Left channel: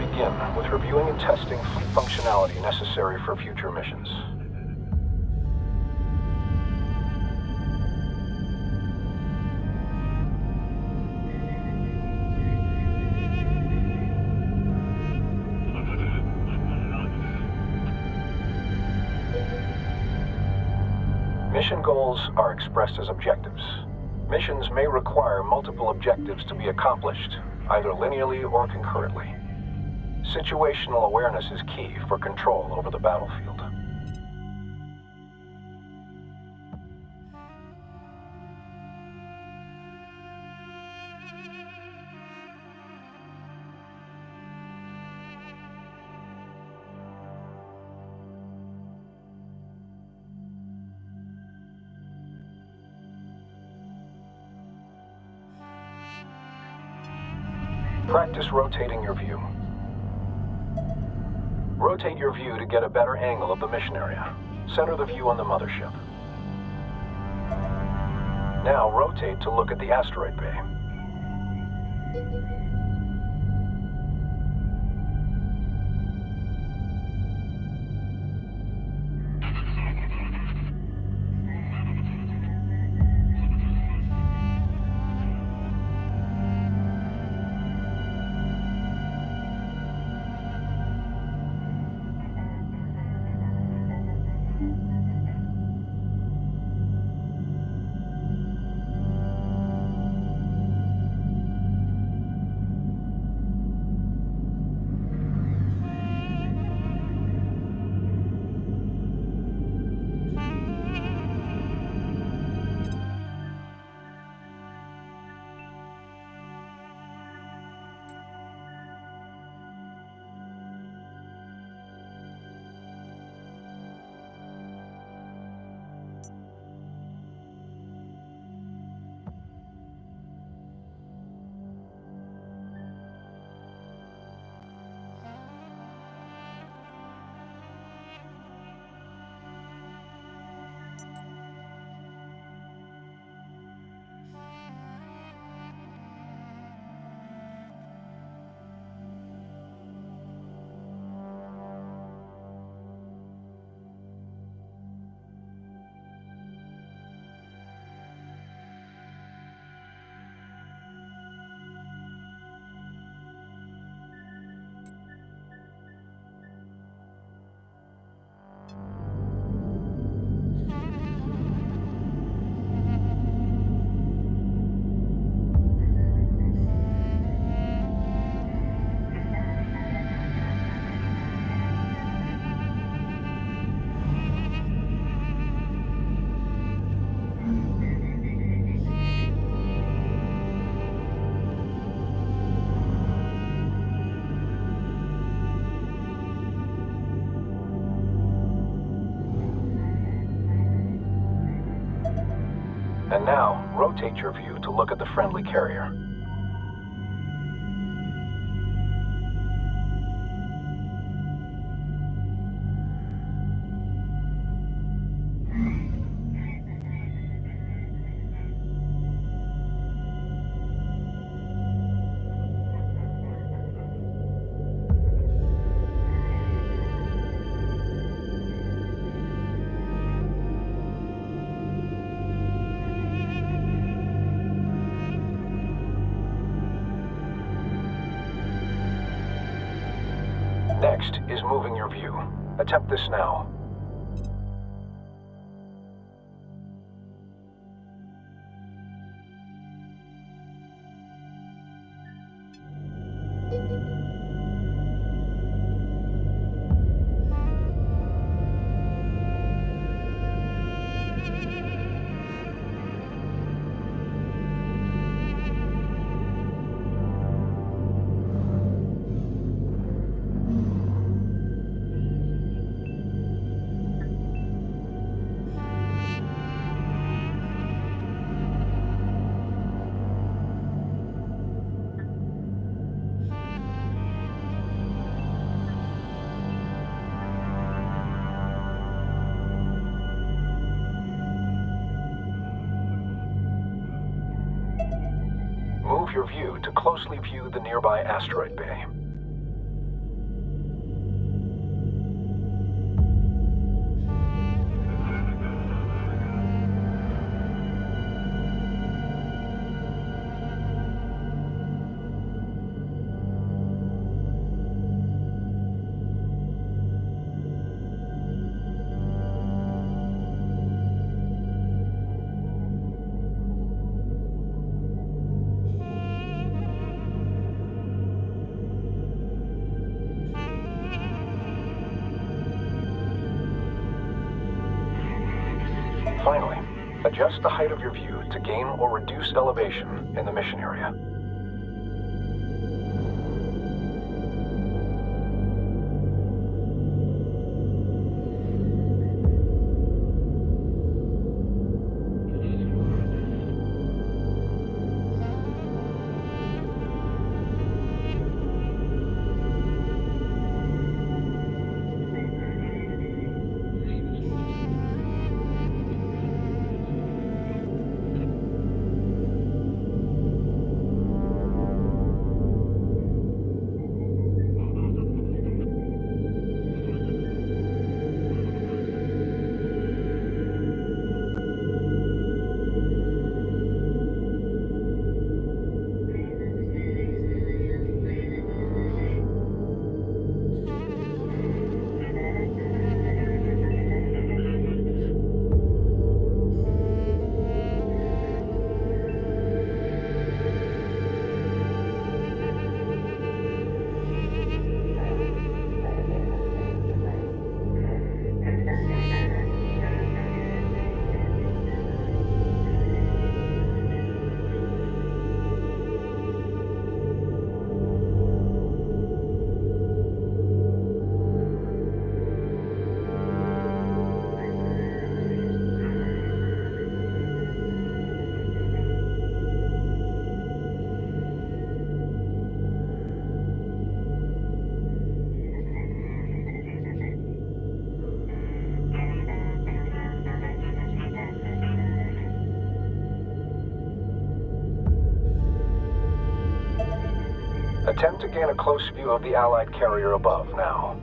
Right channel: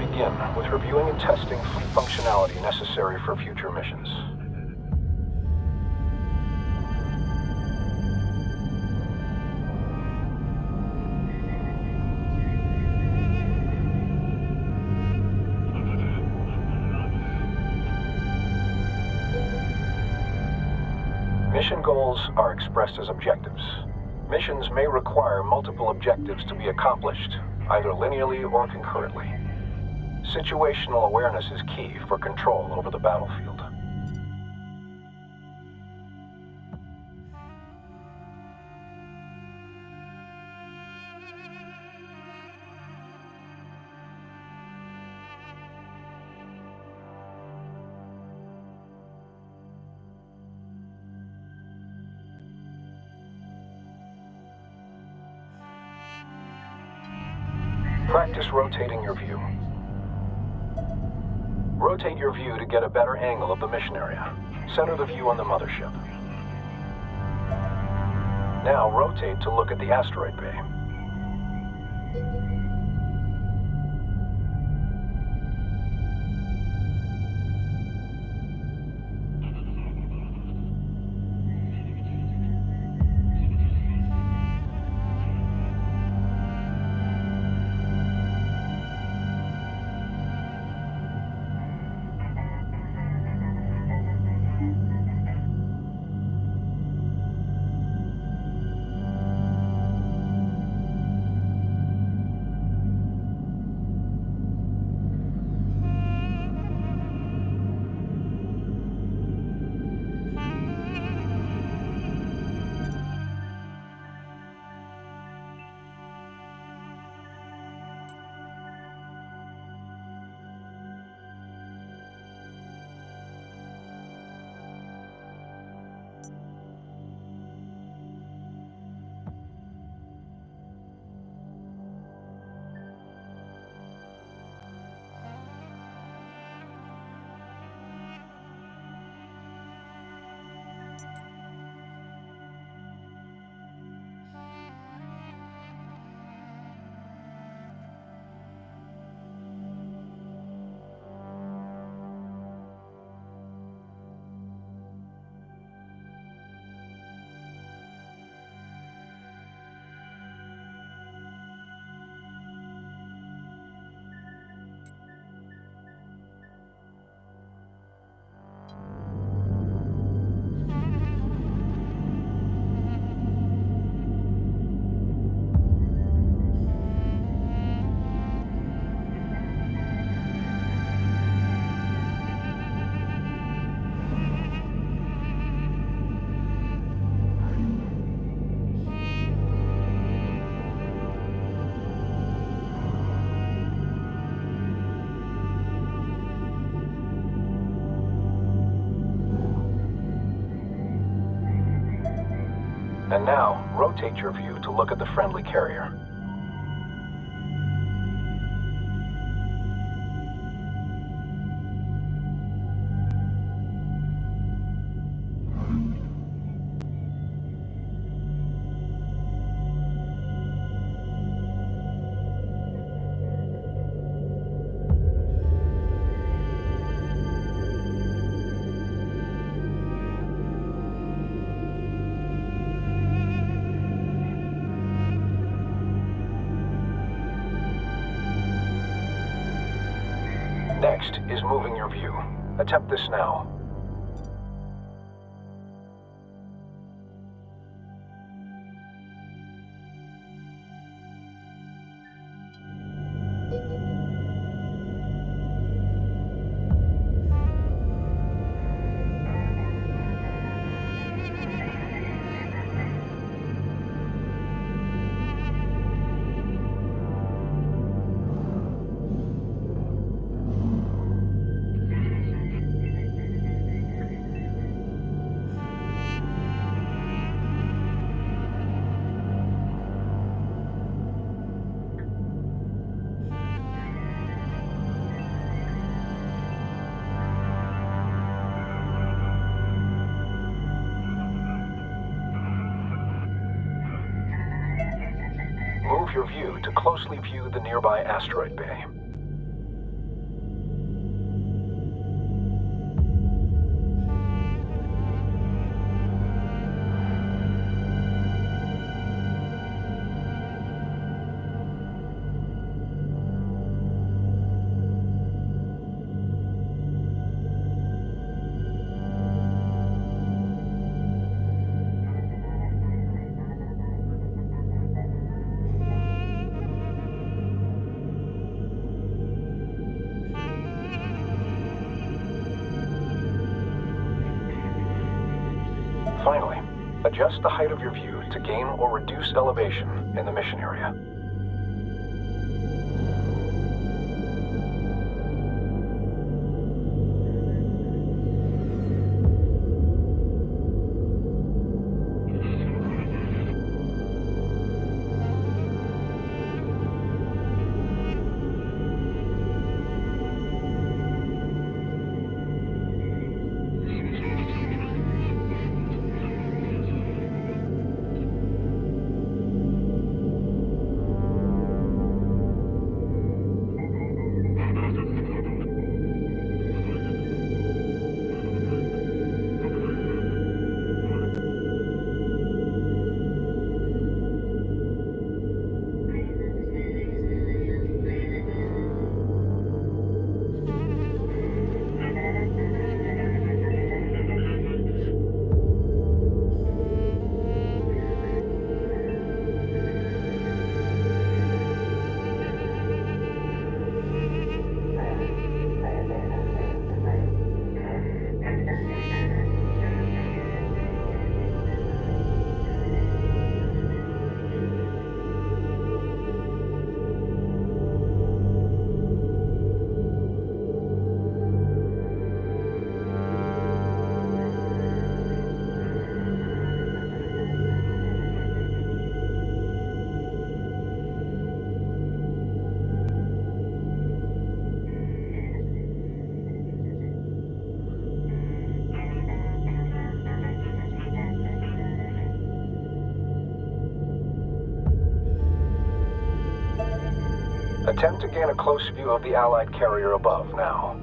begin with reviewing and testing fleet functionality necessary for future missions. Mission goals are expressed as objectives. Missions may require multiple objectives to be accomplished, either linearly or concurrently. Situational awareness is key for control over the battlefield. Practice rotating your view. Rotate your view to get a better angle of the mission area. Center the view on the mothership. Now rotate to look at the asteroid bay. And now, rotate your view to look at the friendly carrier. Next is moving your view. Attempt this now. Move your view to closely view the nearby asteroid bay. Finally, adjust the height of your view to gain or reduce elevation in the mission area. Attempt to gain a close view of the Allied carrier above now.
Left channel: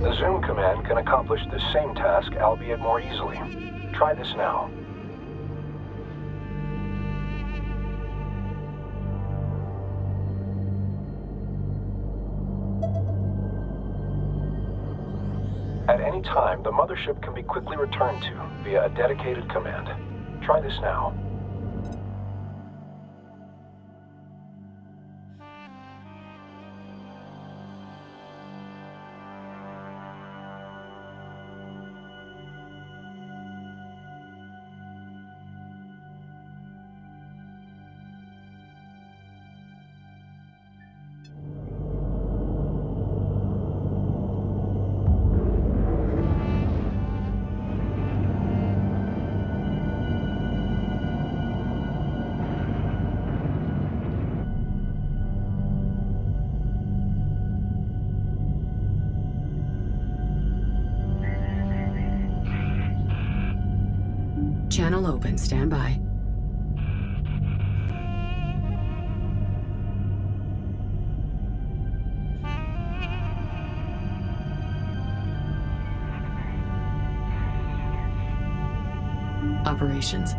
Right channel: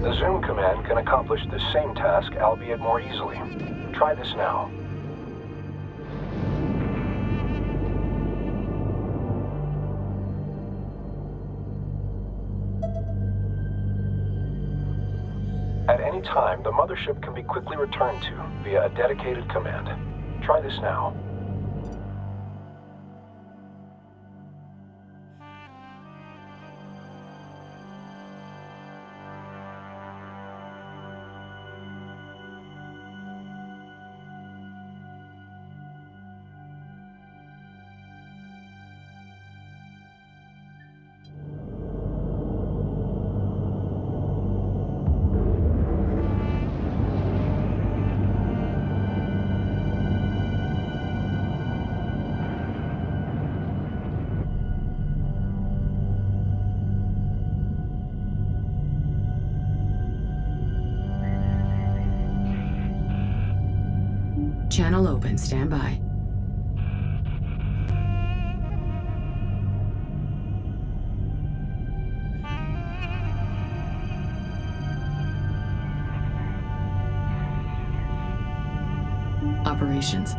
The zoom command can accomplish this same task, albeit more easily. Try this now. At any time, the mothership can be quickly returned to via a dedicated command. Try this now. Channel open, stand by. Operations.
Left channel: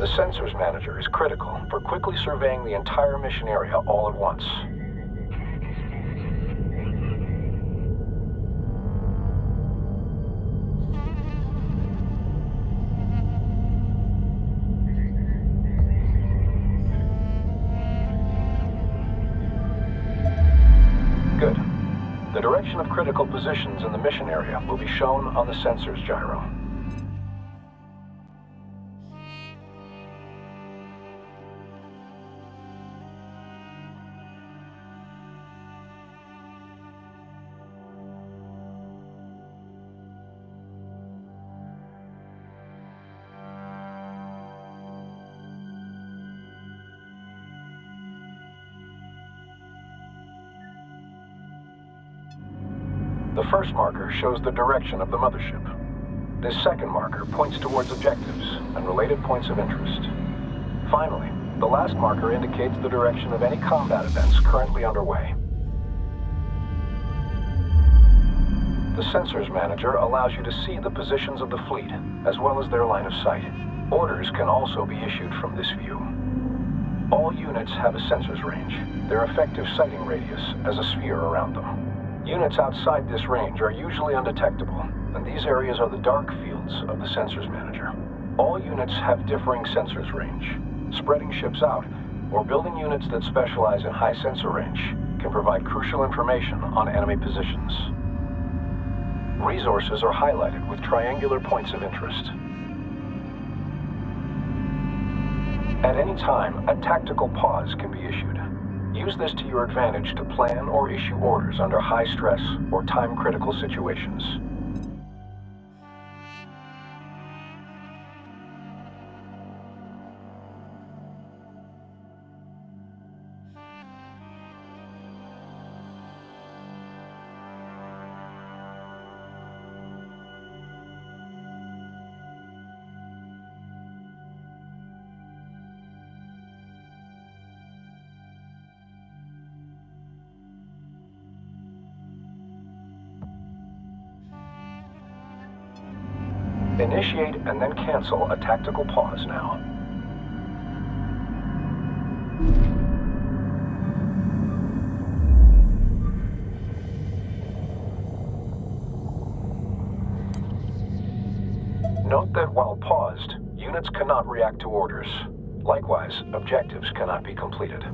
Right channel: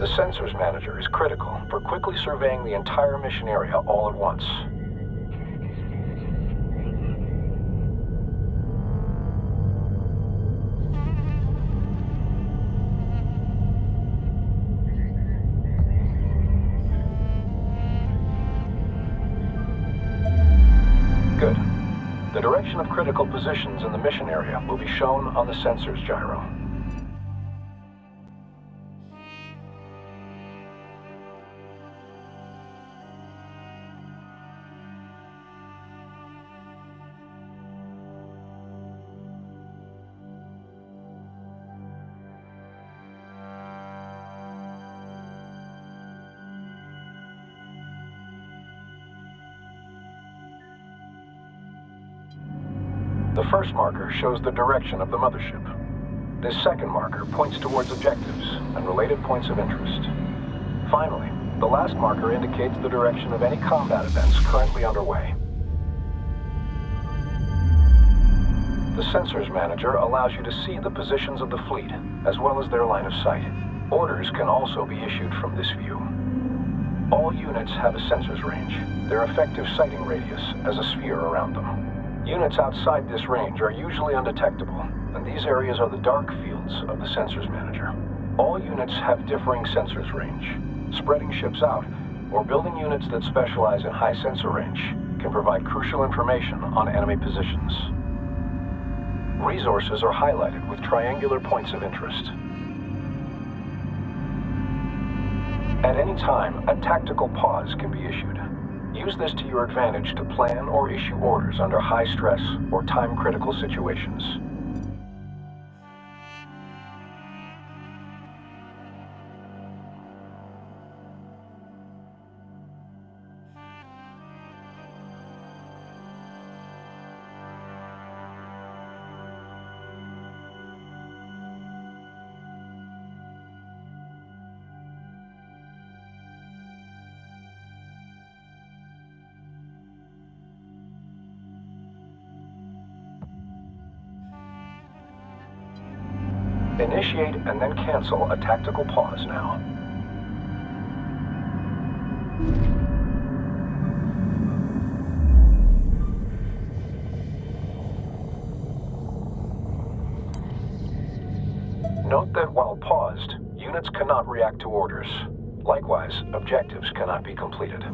The Sensors Manager is critical for quickly surveying the entire mission area all at once. Good. The direction of critical positions in the mission area will be shown on the sensors gyro. The first marker shows the direction of the mothership. This second marker points towards objectives and related points of interest. Finally, the last marker indicates the direction of any combat events currently underway. The Sensors Manager allows you to see the positions of the fleet, as well as their line of sight. Orders can also be issued from this view. All units have a sensors range, their effective sighting radius as a sphere around them. Units outside this range are usually undetectable, and these areas are the dark fields of the Sensors Manager. All units have differing sensors range. Spreading ships out, or building units that specialize in high sensor range, can provide crucial information on enemy positions. Resources are highlighted with triangular points of interest. At any time, a tactical pause can be issued. Use this to your advantage to plan or issue orders under high stress or time-critical situations. Initiate and then cancel a tactical pause now. Note that while paused, units cannot react to orders. Likewise, objectives cannot be completed.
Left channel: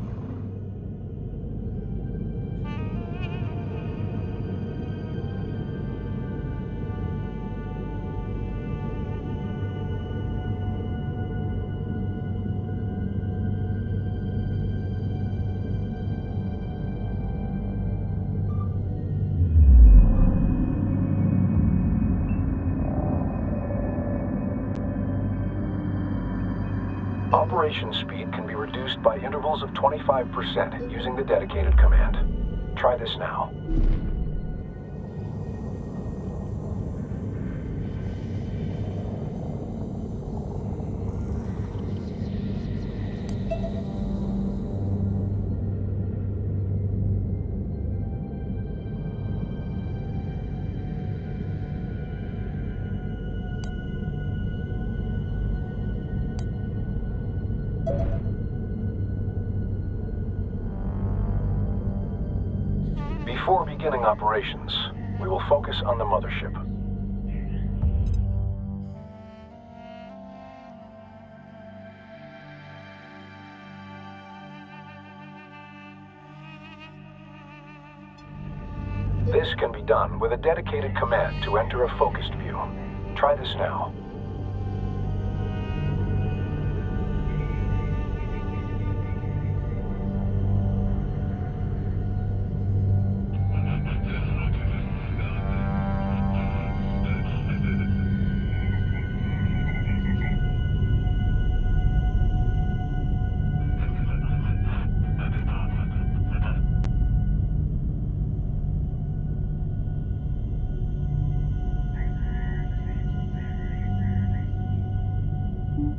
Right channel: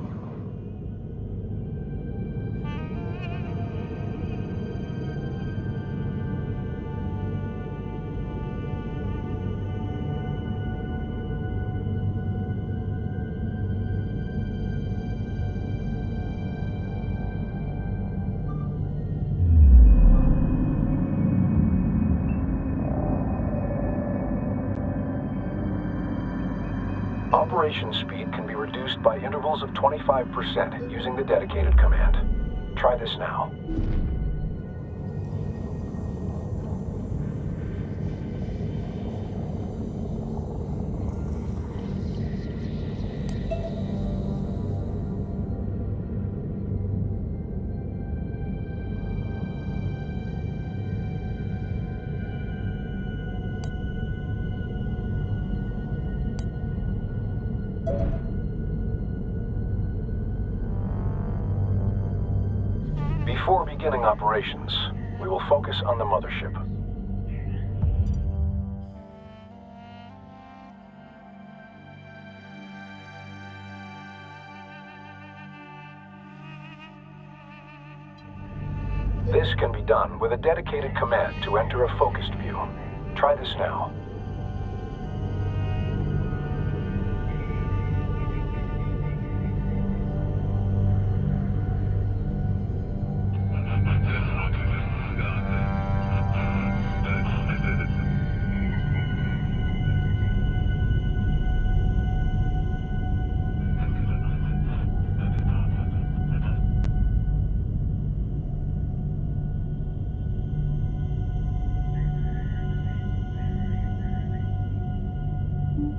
Operation speed can be reduced by intervals of 25% using the dedicated command. Try this now. Before beginning operations, we will focus on the mothership. This can be done with a dedicated command to enter a focused view. Try this now.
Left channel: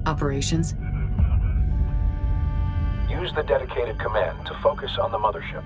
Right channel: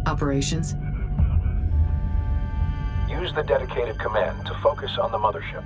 Operations. Use the dedicated command to focus on the mothership.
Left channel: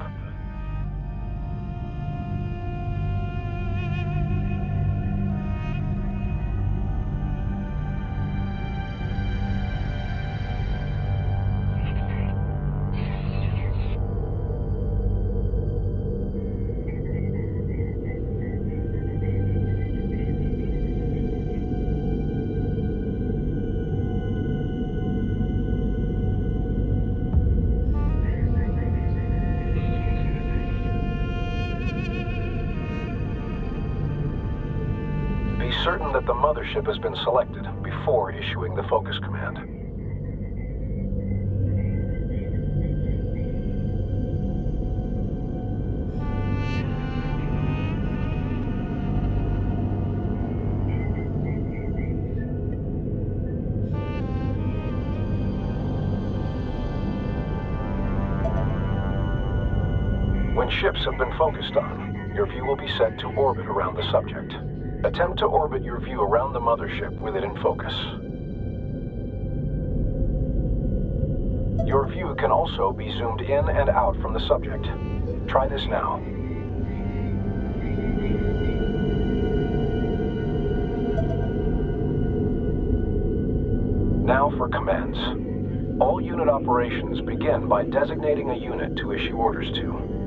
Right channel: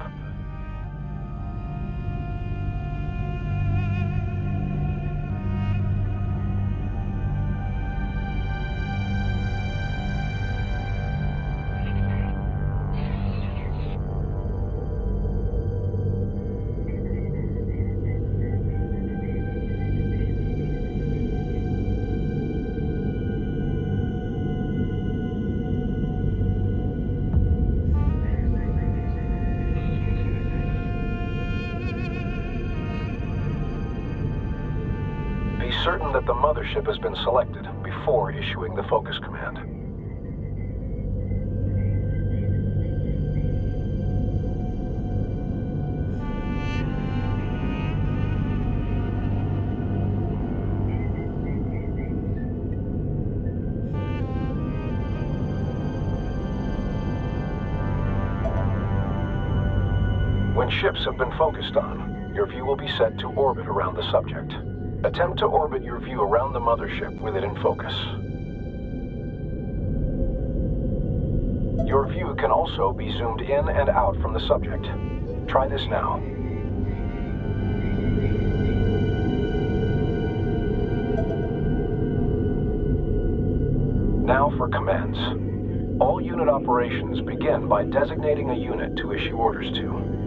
Be certain that the mothership has been selected before issuing the focus command. When ships have been focused on, your view will be set to orbit around the subject. Attempt to orbit your view around the mothership with it in focus. Your view can also be zoomed in and out from the subject. Try this now. Now for commands. All unit operations begin by designating a unit to issue orders to.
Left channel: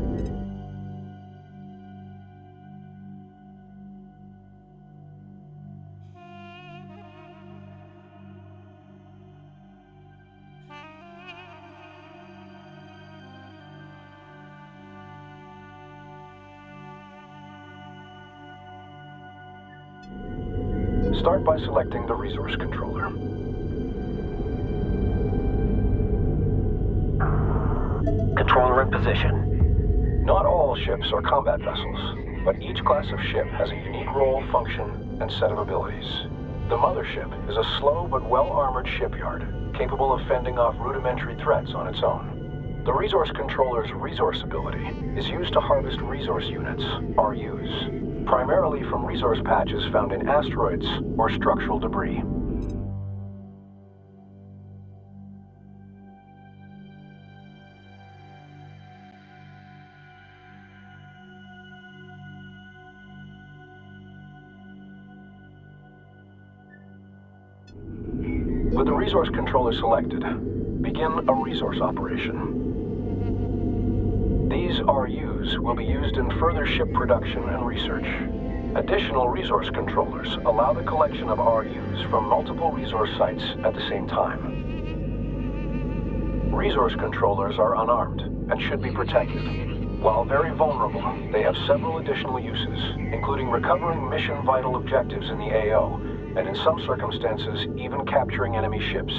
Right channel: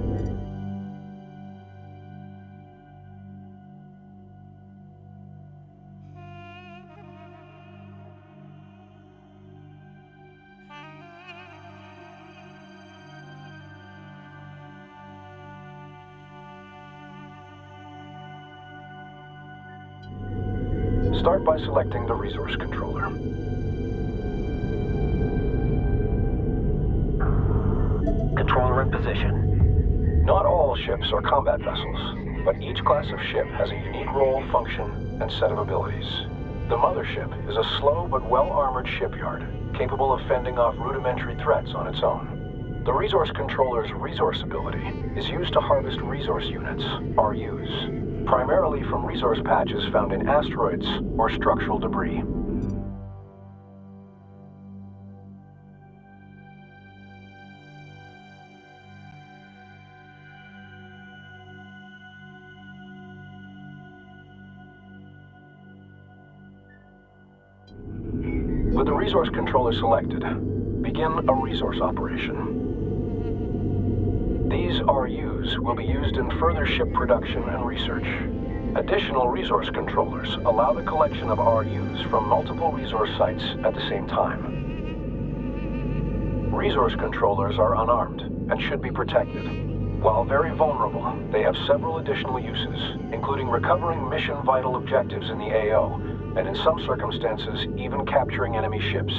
Start by selecting the resource controller. Controller in position. Not all ships are combat vessels, but each class of ship has a unique role, function, and set of abilities. The mothership is a slow but well-armored shipyard, capable of fending off rudimentary threats on its own. The resource controller's resource ability is used to harvest resource units, RUs, primarily from resource patches found in asteroids or structural debris. With the resource controller selected, begin a resource operation. These RUs will be used in further ship production and research. Additional resource controllers allow the collection of RUs from multiple resource sites at the same time. Resource controllers are unarmed and should be protected. While very vulnerable, they have several additional uses, including recovering mission-vital objectives in the AO, and in some circumstances, even capturing enemy ships.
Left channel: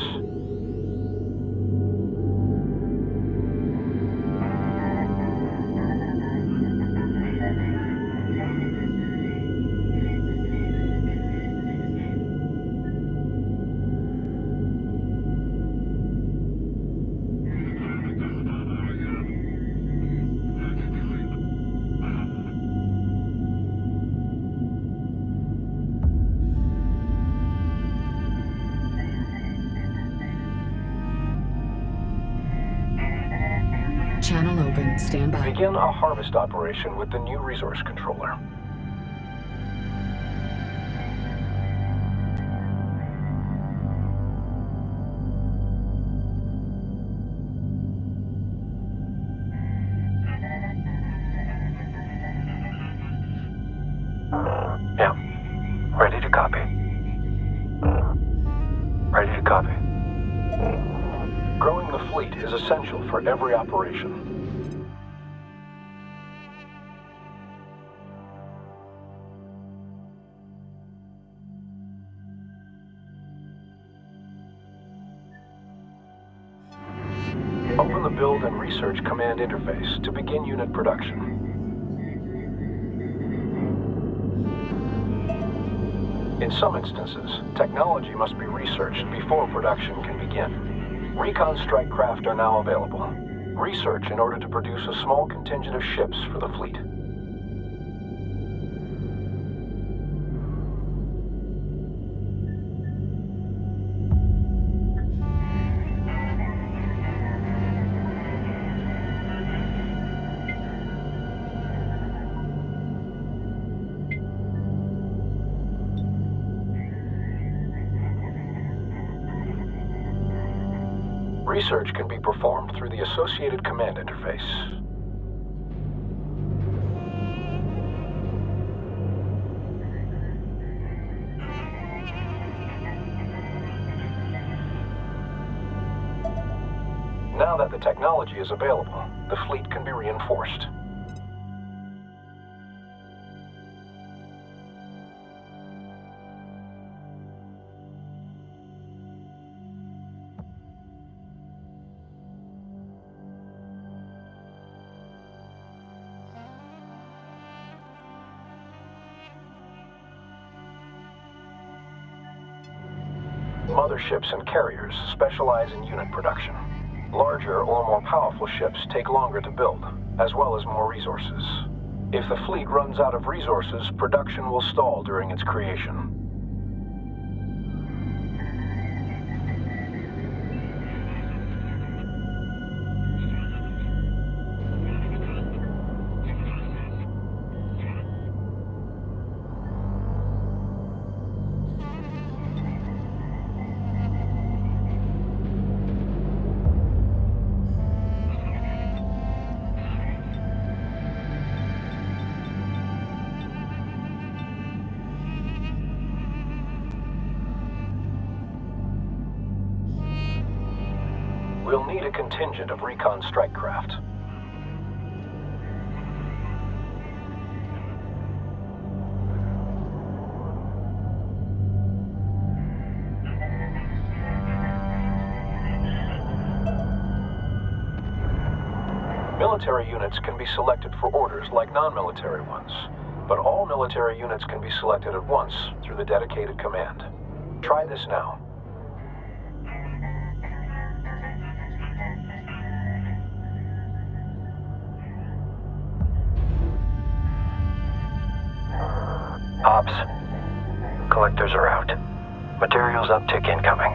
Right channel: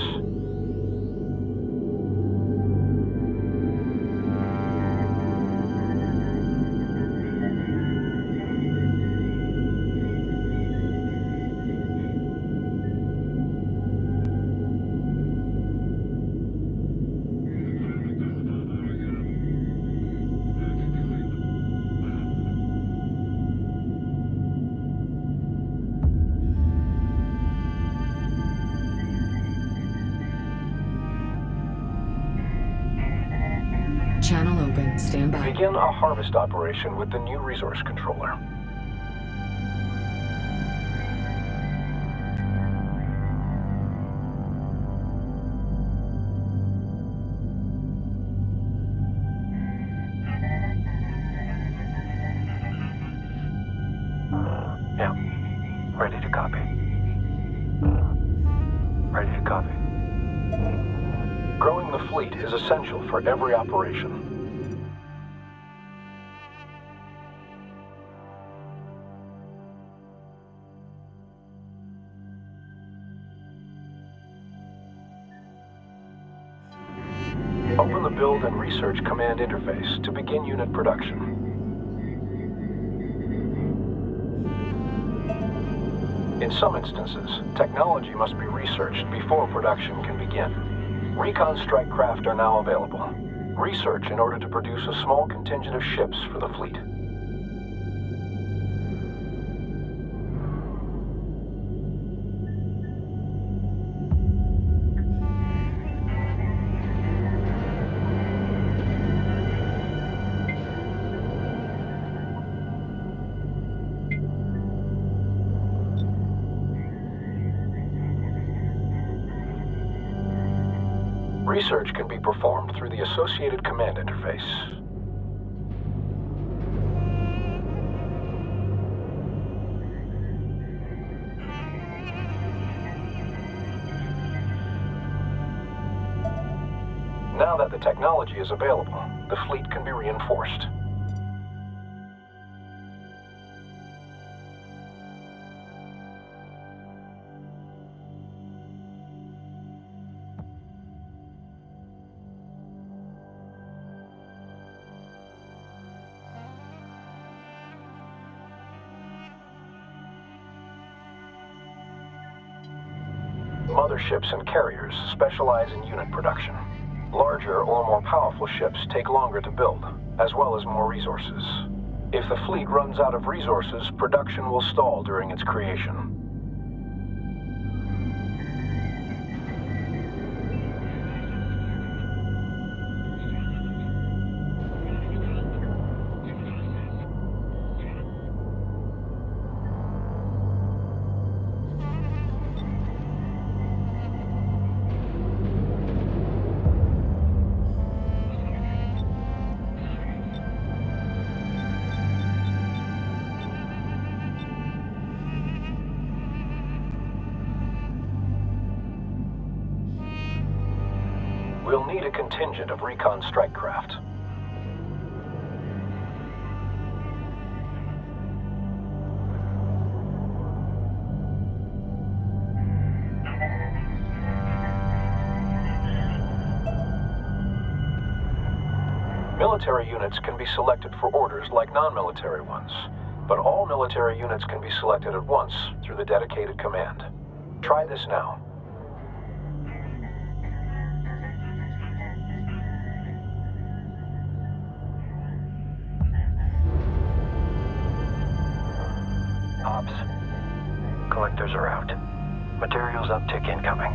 Channel open. Stand by. Begin a harvest operation with the new resource controller. Yeah. Ready to copy. Ready to copy. Growing the fleet is essential for every operation. Open the Build and Research Command interface to begin unit production. In some instances, technology must be researched before production can begin. Recon strike craft are now available. Research in order to produce a small contingent of ships for the fleet. Research can be performed through the associated command interface. Now that the technology is available, the fleet can be reinforced. Motherships and carriers specialize in unit production. Larger or more powerful ships take longer to build, as well as more resources. If the fleet runs out of resources, production will stall during its creation. We'll need a contingent of recon strike craft. Military units can be selected for orders like non-military ones, but all military units can be selected at once through the dedicated command. Try this now. Ops. Collectors are out. Materials uptick incoming.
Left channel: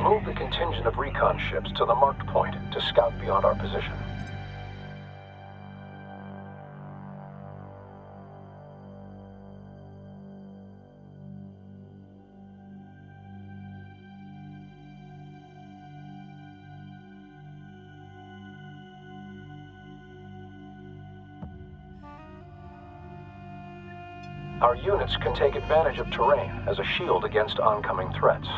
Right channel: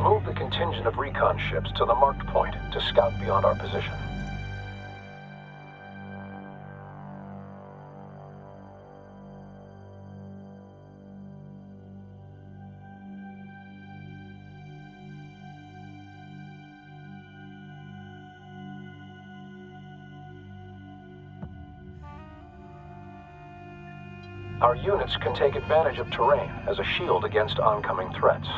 Move the contingent of recon ships to the marked point to scout beyond our position. Our units can take advantage of terrain as a shield against oncoming threats.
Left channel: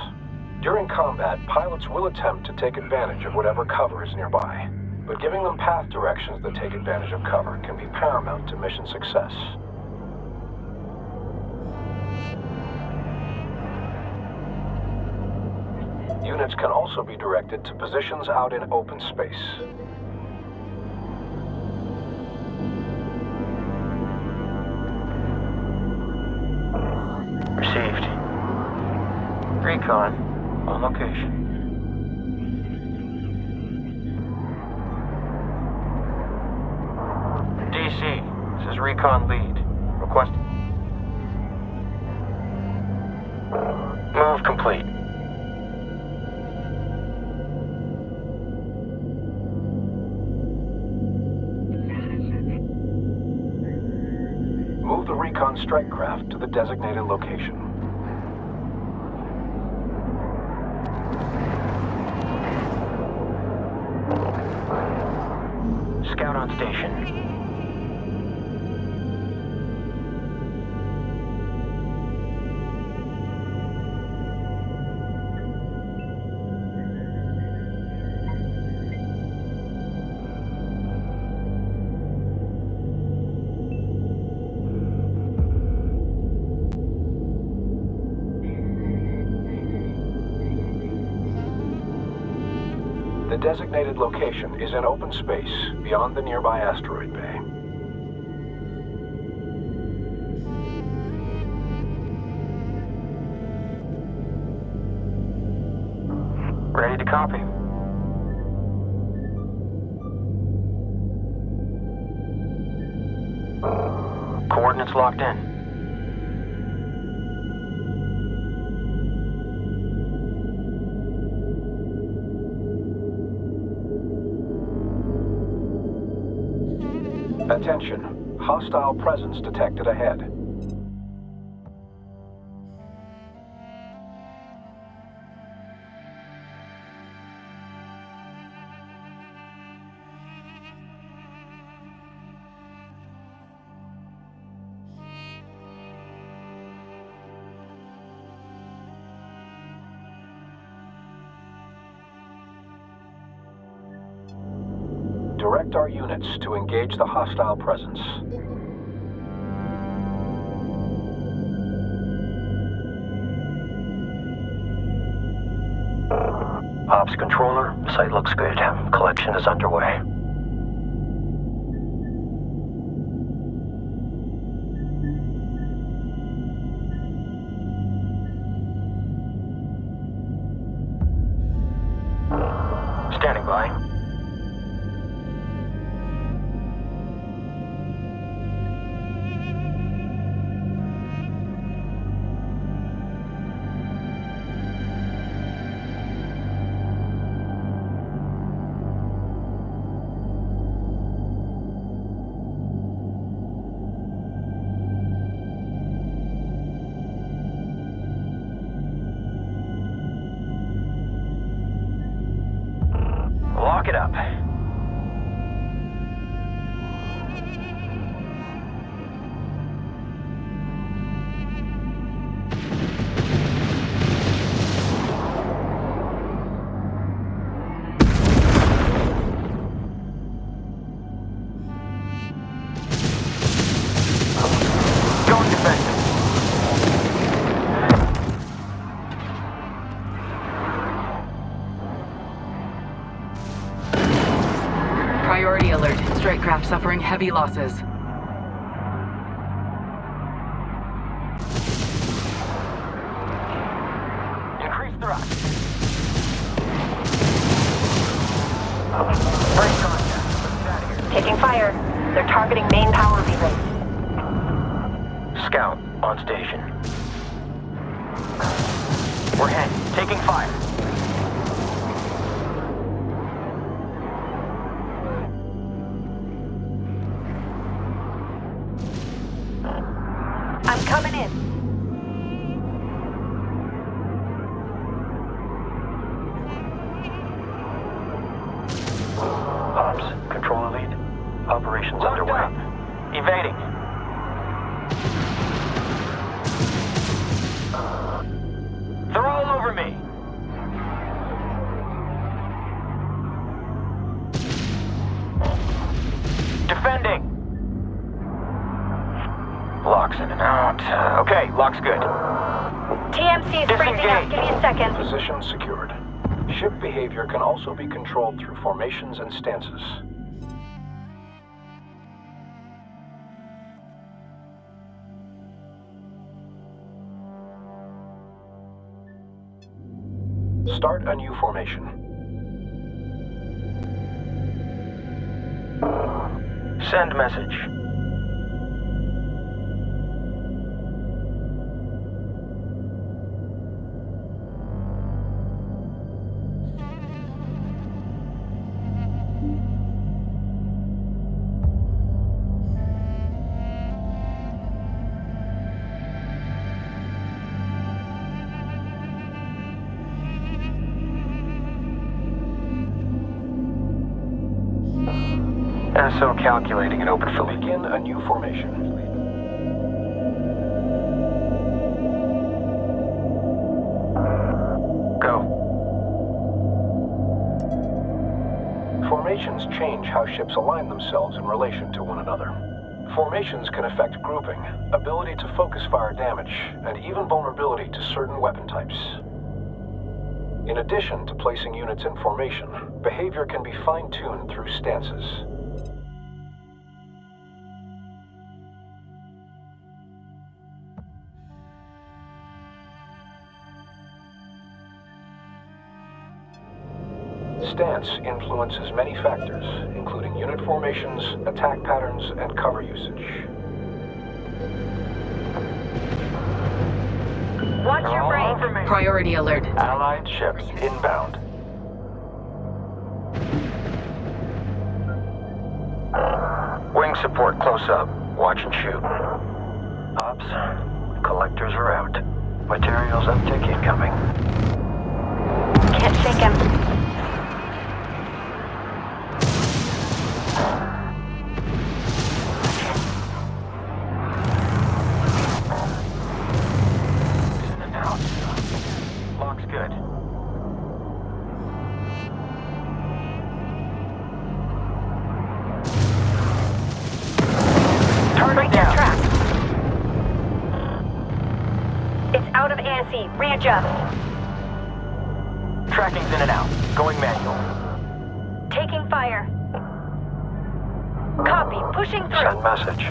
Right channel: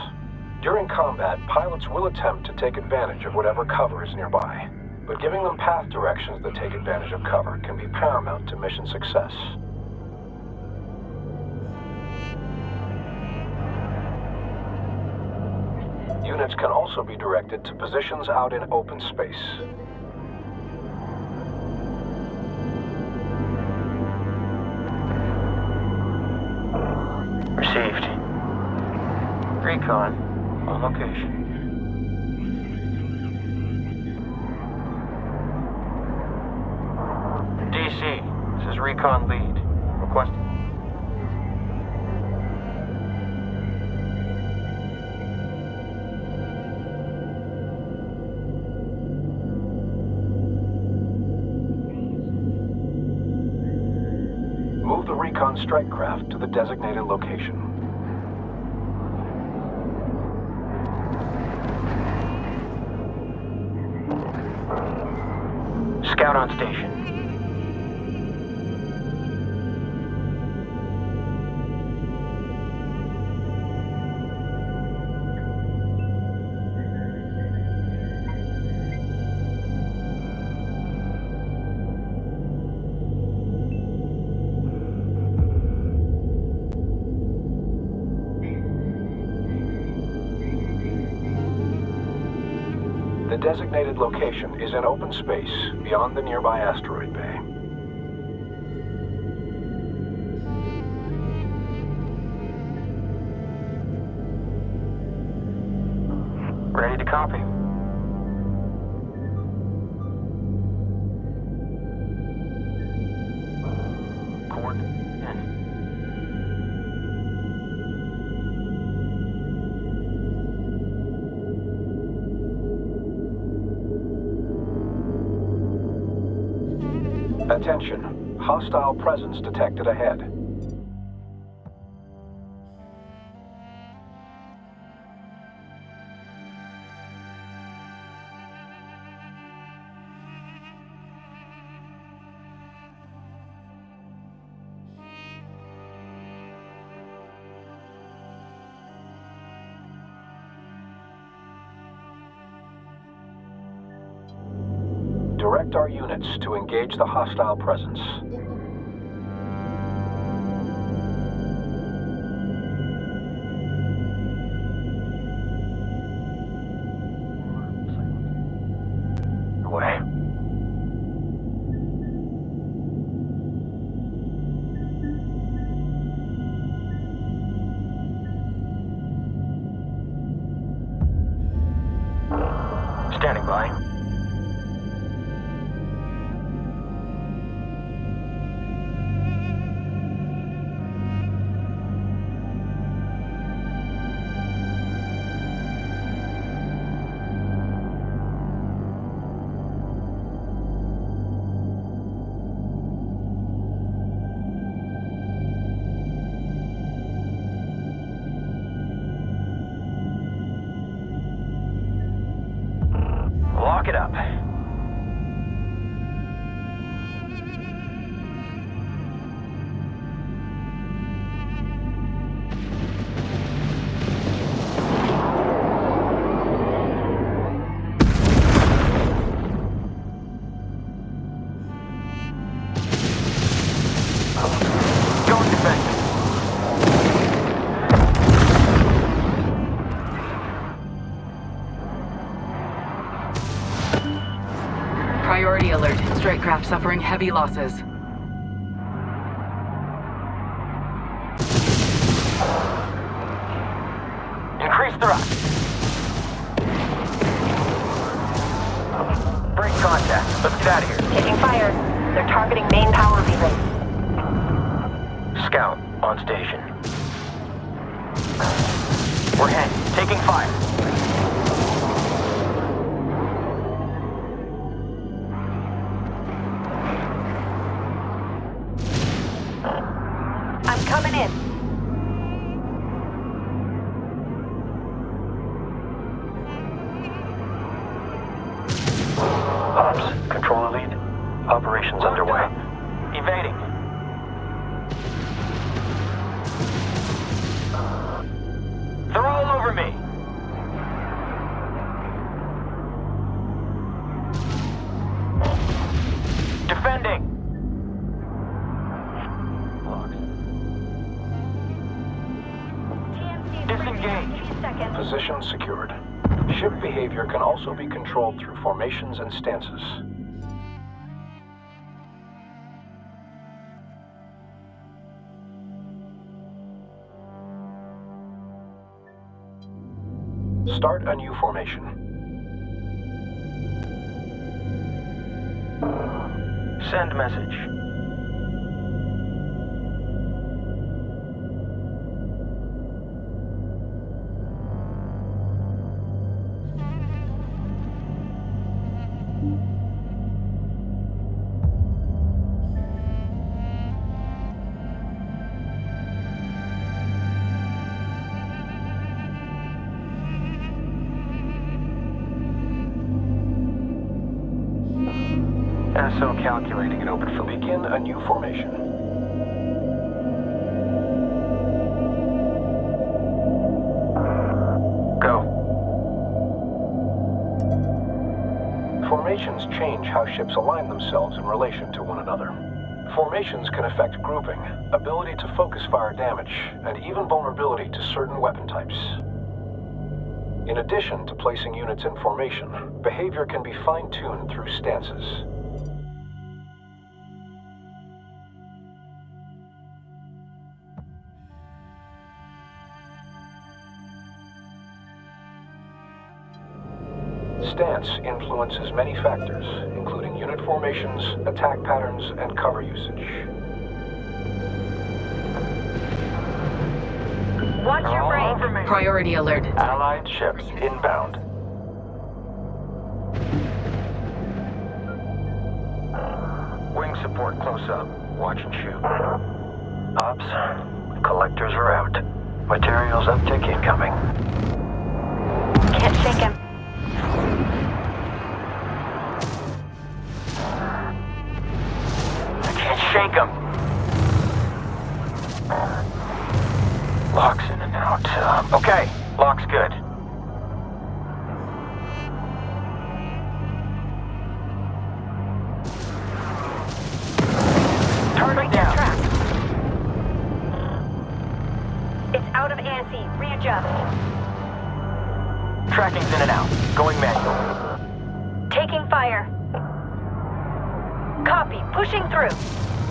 During combat, pilots will attempt to take advantage of whatever cover is nearby, but giving them path directions that take advantage of cover can be paramount to mission success. Units can also be directed to positions out in open space. Received. Recon. On location. DC. This is Recon Lead. Request. Move complete. Move the recon strike craft to the designated location. Scout on station. The designated location is in open space beyond the nearby asteroid bay. Ready to copy. Coordinates locked in. Attention, hostile presence detected ahead. Direct our units to engage the hostile presence. Ops controller, site looks good. Collection is underway. Standing by. it up. Going defensive. Priority alert. Strike craft suffering heavy losses. Increase thrust. Break contact. Let's get out of here. Taking fire. They're targeting main power relay. Scout on station. We're hit. Taking fire. I'm coming in. Ops, controller lead. Operations underway. Evading. They're all over me. Defending. Locks in and out. Okay, lock's good. TMC's freezing up. Give me a second. Position secured. Ship behavior can also be controlled through formations and stances. Start a new formation. Send message. SO calculating an open fill. Begin a new formation. Go. Formations change how ships align themselves in relation to one another. Formations can affect grouping, ability to focus fire damage, and even vulnerability to certain weapon types. In addition to placing units in formation, behavior can be fine-tuned through stances. Stance influences many factors, including unit formations, attack patterns, and cover usage. Watch your brain. Priority alert. Allied ships inbound. Wing support close up. Watch and shoot. Ops, collectors are out. Materials uptick incoming. Can't shake him. Shake them. Locks in and out. Okay, lock's good. Turn Break it their down. track. It's out of ASE. Readjust. Tracking's in and out. Going manual. Taking fire. Copy. Pushing through. Send message.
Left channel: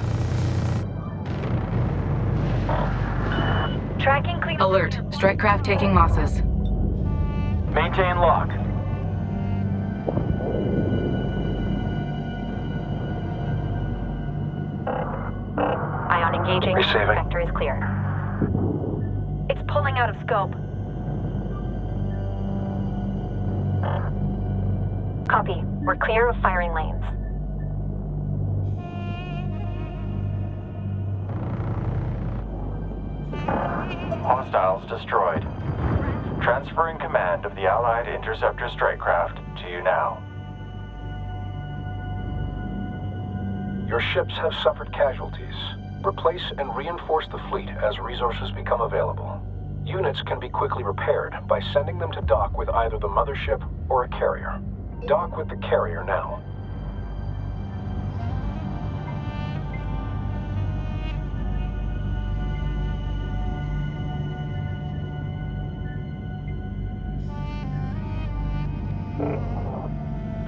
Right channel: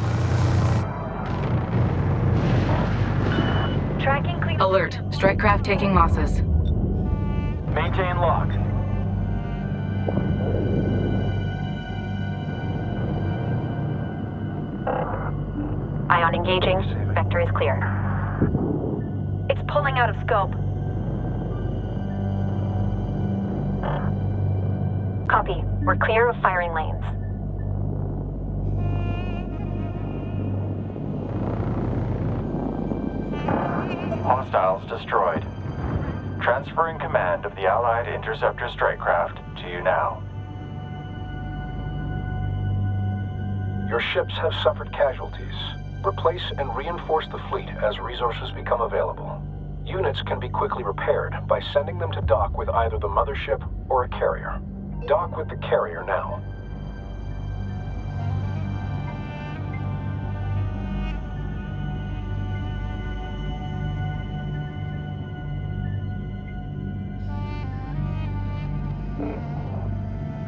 Tracking clear. Alert. Strike craft taking losses. Maintain lock. Ion engaging. Receiving. Vector is clear. It's pulling out of scope. Copy. We're clear of firing lanes. Hostiles destroyed. Transferring command of the Allied interceptor strike craft to you now. Your ships have suffered casualties. Replace and reinforce the fleet as resources become available. Units can be quickly repaired by sending them to dock with either the mothership or a carrier. Dock with the carrier now.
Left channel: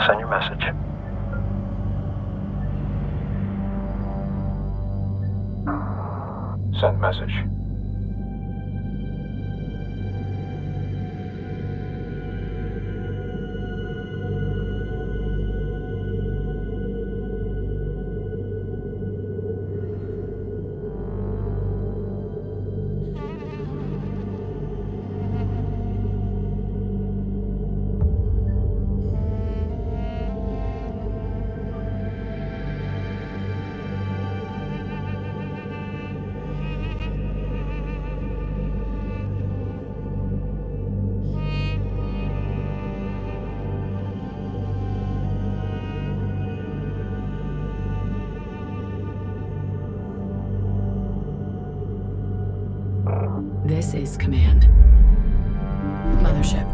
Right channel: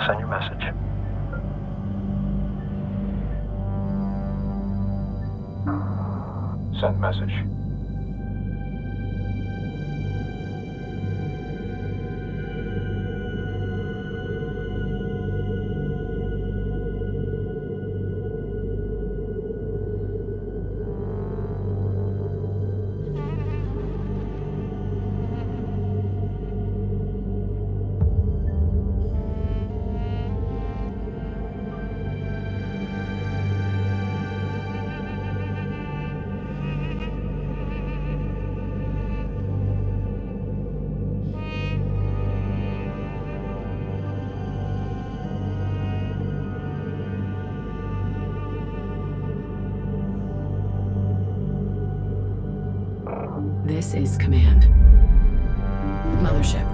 Send your message. Send message. This is Command. Mothership.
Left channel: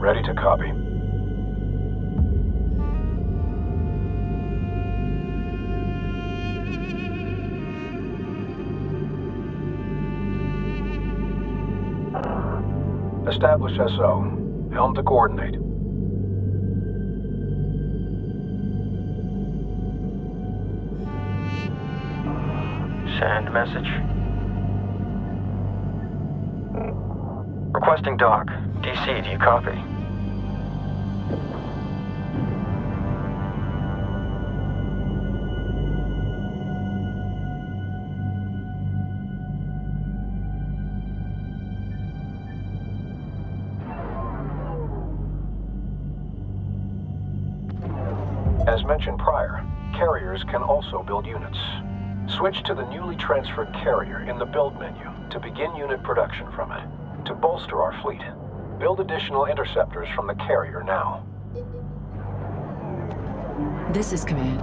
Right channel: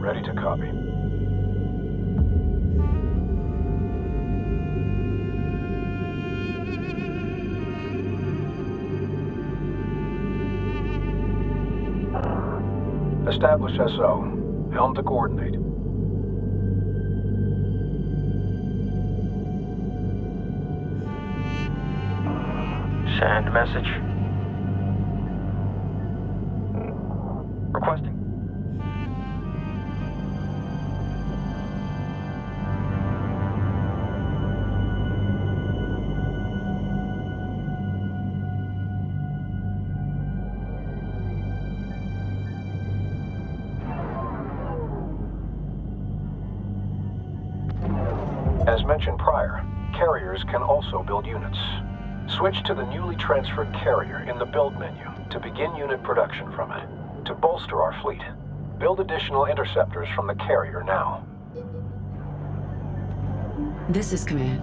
Ready to copy. Establish SO. Helm to coordinate. Send message. Requesting dock. DC, do you copy? As mentioned prior, carriers can also build units. Switch to the newly transferred carrier in the build menu to begin unit production from it. To bolster our fleet, build additional interceptors from the carrier now. This is Command.